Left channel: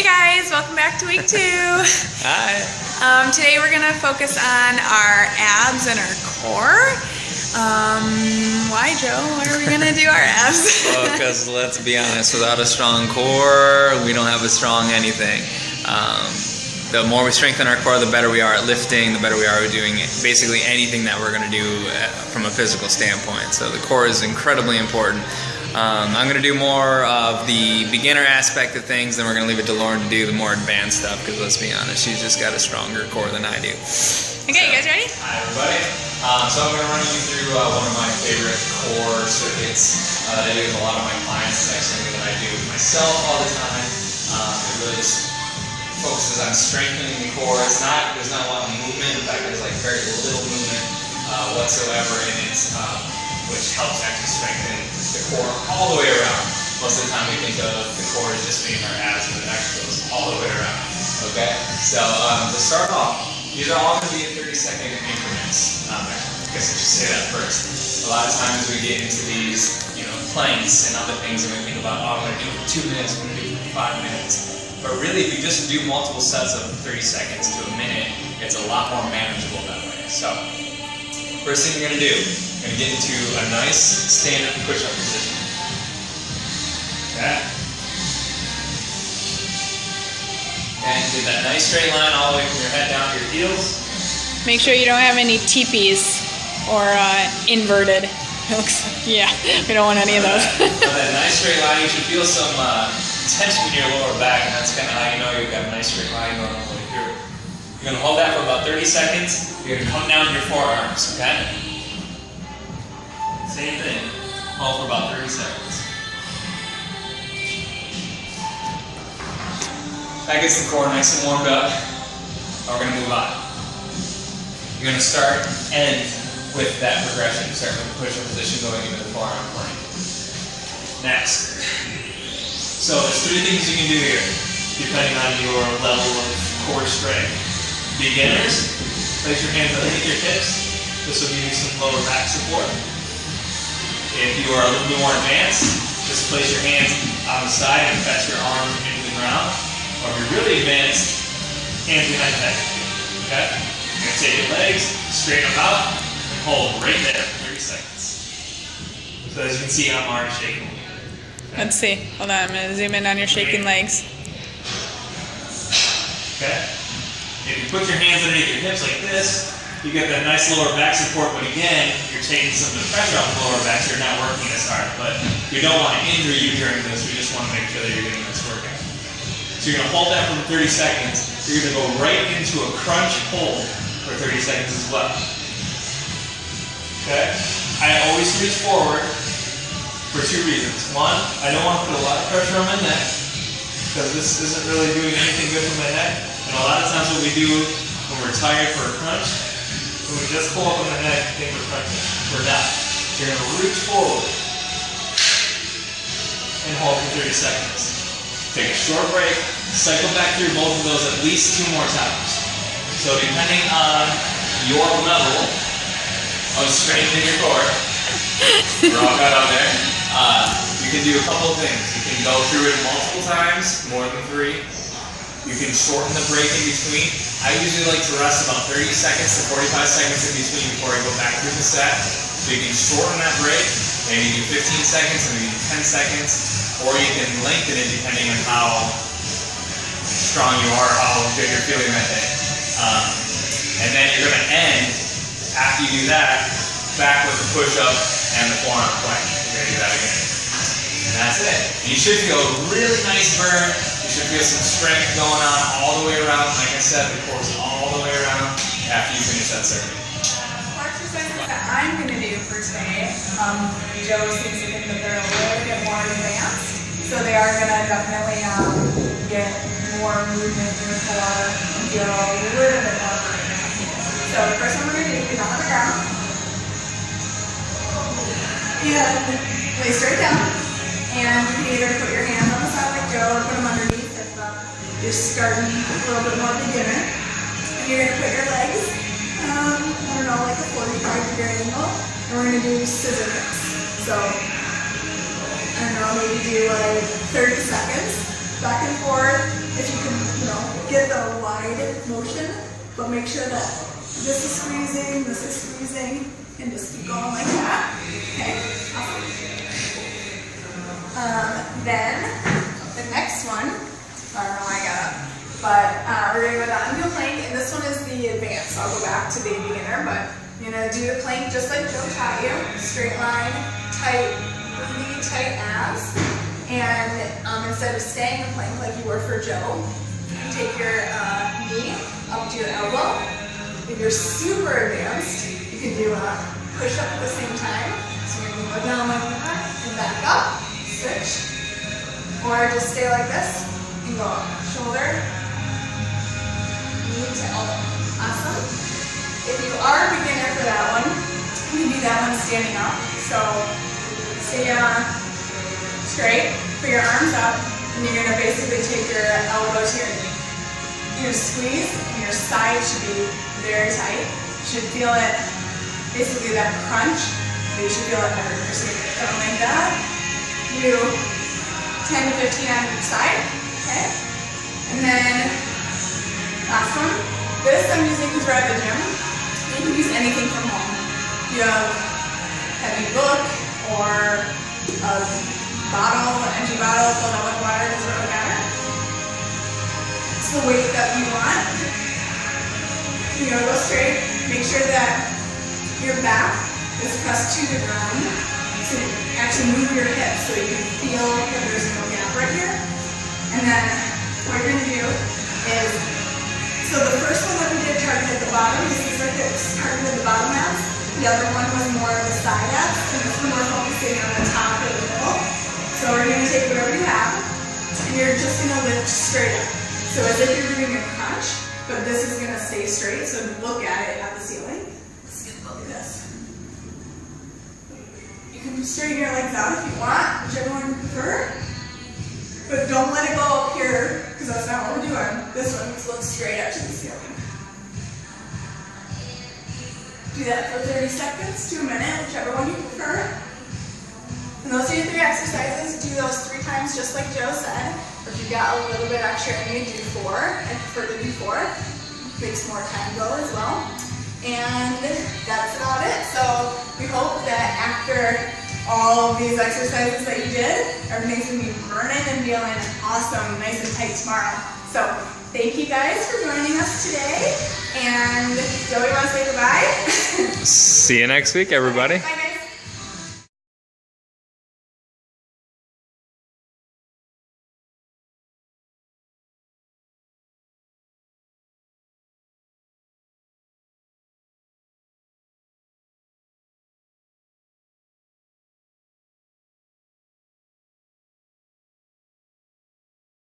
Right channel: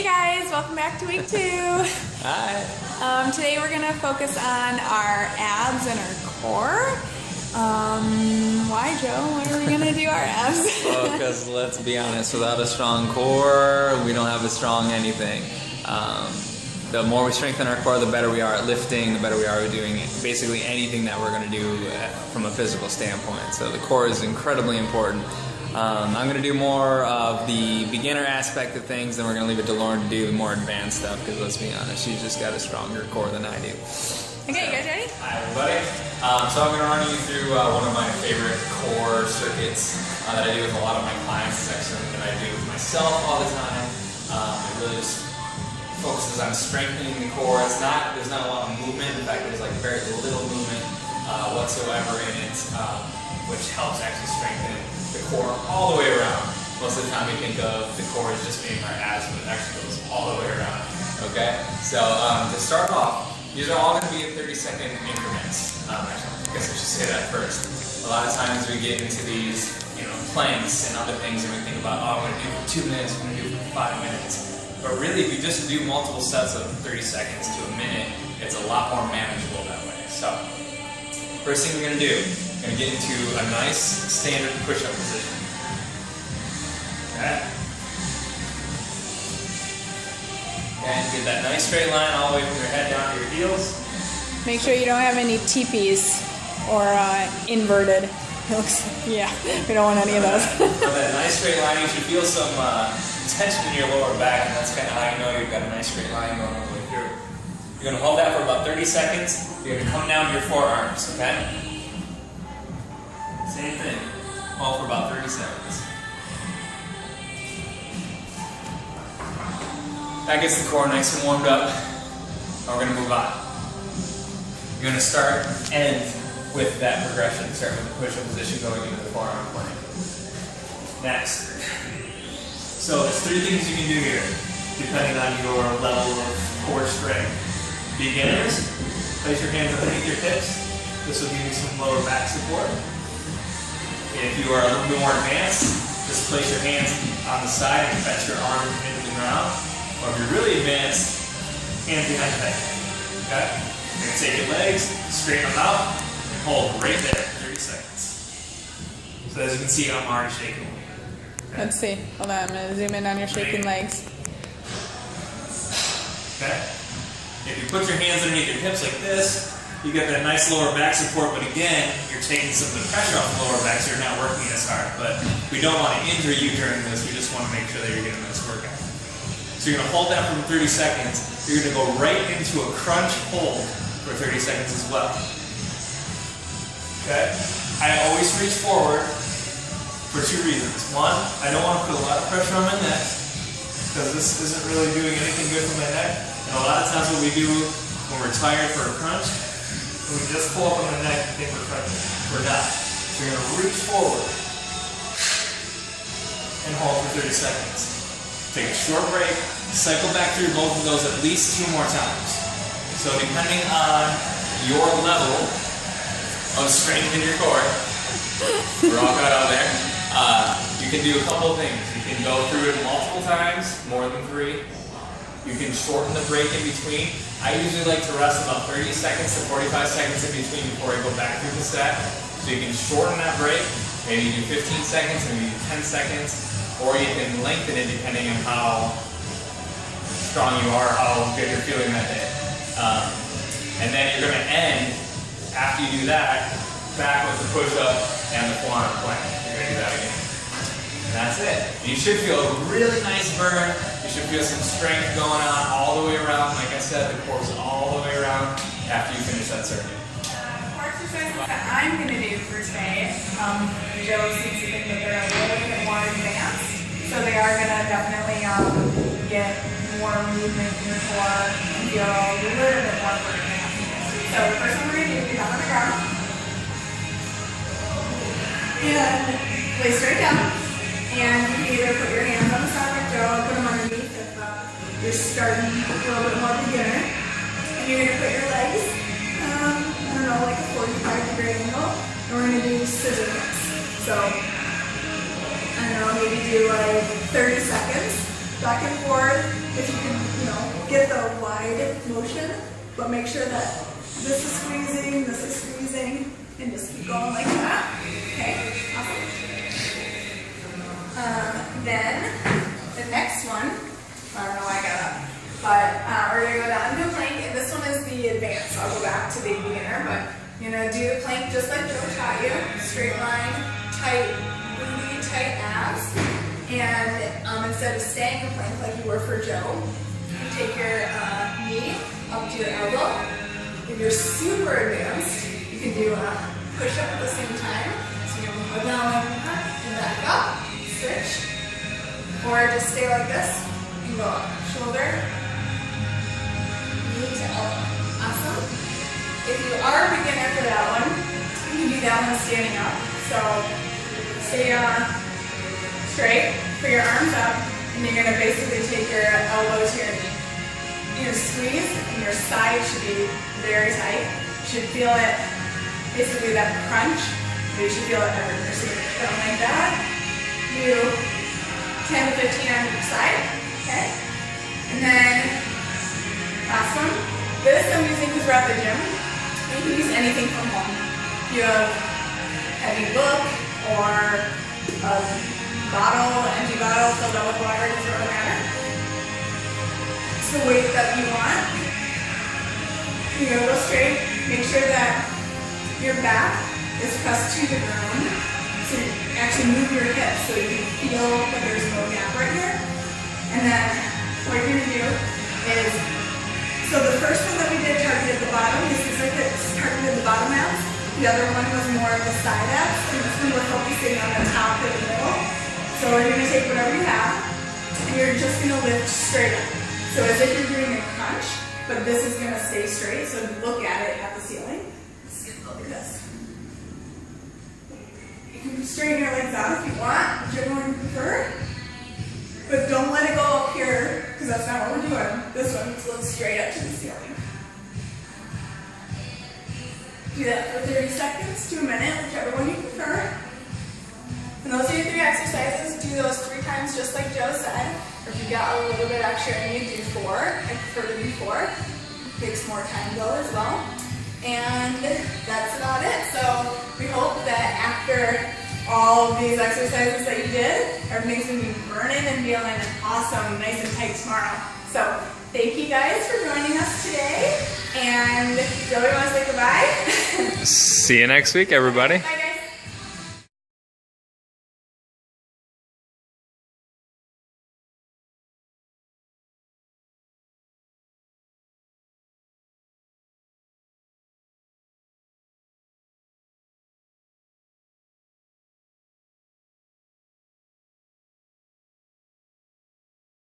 Hey guys, welcome back to week 2. Hi. Today we're going to focus on our abs and our core. Why, Joe? Why are we going to do our abs? Well, because let's be honest, without a strong core, we don't have a strong anything. The more we strengthen our core, the better we are at lifting, the better we are at doing basically anything that we're going to do from a physical standpoint. So the core is incredibly important. I'm going to do more of the beginner aspect of things, then we're going to leave it to Lauren to do the more advanced stuff, because let's be honest, she's just got a stronger core than I do. Okay, you guys ready? Hi everybody. So I'm going to run you through one of my favorite core circuits that I do with a lot of my clients. It's actually something that I do with myself all the time. It really just focuses on strengthening the core. There's not a lot of movement. In fact, there's like very little movement whatsoever in it, which helps actually strengthen the core all the way around. Most of the time we think of the core as just being our abs, but it actually goes all the way around. Okay? So to start off, these are all going to be in 30-second increments. I guess I should say that first. A lot of times we get into these, planks and other things, and we think about, I'm going to do it for 2 minutes, I'm going to do it for 5 minutes. But really, if you just do multiple sets of 30 seconds to a minute, it's a lot more manageable that way. So, first thing you're going to do, you're going to get into a nice standard push-up position. Okay? And get that nice straight line all the way from your head down to your heels. Make sure you don't have any teepees or inverted. Yeah, we don't want any of those. So that nice straight line, you should feel some tension in your lower back, and that's kind of how you know you've got a nice straight line going all the way through. You're going to hold that for about 30 seconds. You're going to come down to your forearms, okay? Same thing. Hold for about 30 seconds. That gets the core nice and warmed up. Now we're going to move on. You're going to start and end with that progression. Start with the push-up position going into the forearm plank. Next. So there's 3 things you can do here, depending on your level of core strength. Beginners, place your hands underneath your hips. This will give you some lower back support. If you are a little bit more advanced, just place your hands on the side and fetch your arms into the ground. Or if you're really advanced, hands behind the head. Okay? You're going to take your legs, straighten them out, and hold right there for 30 seconds. So as you can see, I'm already shaking. Okay. Let's see. Hold on, I'm going to zoom in on your shaking legs. Okay? If you put your hands underneath your hips like this, you get that nice lower back support, but again, you're taking some of the pressure off the lower back, so you're not working as hard. But we don't want to injure you during this, we just want to make sure that you're getting this workout. So you're going to hold that for 30 seconds. You're going to go right into a crunch hold for 30 seconds as well. Okay? I always reach forward for 2 reasons. One, I don't want to put a lot of pressure on my neck, because this isn't really doing anything good for my neck. And a lot of times what we do when we're tired for a crunch, when we just pull up on the neck and think we're crunching. We're not. So you're going to reach forward and hold for 30 seconds. Take a short break, cycle back through both of those at least 2 more times. So depending on your level of strength in your core, we're all got out there, you can do a couple of things. You can go through it multiple times, more than 3. You can shorten the break in between. I usually like to rest about 30 seconds to 45 seconds in between before I go back through the set. So you can shorten that break, maybe do 15 seconds, maybe 10 seconds, or you can lengthen it depending on how strong you are, how good you're feeling that day. And then you're going to end, after you do that, back with the push-up and the forearm plank. You're going to do that again. And that's it. You should feel a really nice burn. You should feel some strength going on all the way around. Like I said, the core's all the way around after you finish that circuit. For exercises that I'm going to do for today, Joe seems to think that they're a little bit more advanced. So they are going to definitely get more movement in the core and feel a little bit more burning. So the first one we're going to do is down on the ground. And lay straight down. And you can either put your hands on the side like Joe or put them underneath if you're starting a little bit more beginner. And you're going to put your legs, I don't know, like a 45-degree angle. And we're going to do scissor kicks. So, I don't know, maybe do like 30 seconds. back and forth. If you can, get the wide motion, but make sure that this is squeezing, and just keep going like that. Okay, awesome. Then the next one, I don't know why I got up, but we're gonna go down into a plank, and this one is the advanced. I'll go back to the beginner, but you're gonna do the plank just like Joe taught you. Straight line, tight, really tight abs. And instead of staying in plank like you were for Joe, you take your knee up to your elbow. If you're super advanced, you can do a push-up at the same time. So you're gonna go down like that and back up, switch. Or just stay like this and go up. Shoulder, knee to elbow. Awesome. If you are a beginner for that one, you can do that one standing up. So stay straight, put your arms up, and you're gonna basically take your elbow to your knee. You squeeze, and your side should be very tight. You should feel it, basically that crunch, but you should feel it everywhere. So you're going like that. You 10 to 15 on each side, okay? And then last one. This I'm using because we're at the gym. You can use anything from home. You have a heavy book or a bottle, an empty bottle filled out with water, doesn't really matter. It's the weight that you want. You're gonna go straight. Make sure that your back is pressed to the ground. So you actually move your hips so you can feel that there's no gap right here. And then what you're gonna do is, so the first one that we did targeted the bottom. These are targeted the bottom abs. The other one was more of the side abs. And this one we're focusing on the top or the middle. So we're gonna take whatever you have, and you're just gonna lift straight up. So as if you're doing a crunch, but this is gonna stay straight, so look at it at the ceiling. Let's go like this. You can straighten your legs out if you want, whichever one you prefer. But don't let it go up here, because that's not what we're doing. This one needs to look straight up to the ceiling. Do that for 30 seconds to a minute, whichever one you prefer. And those are your 3 exercises. Do those 3 times just like Joe said. Or if you've got a little bit extra in you, do 4. I prefer to do 4. Makes more time go as well. And that's about it. So we hope that after all of these exercises that you did, everything's going to be burning and feeling awesome, nice and tight tomorrow. So thank you guys for joining us today. And Joey, want to say goodbye? See you next week, everybody. Bye, guys.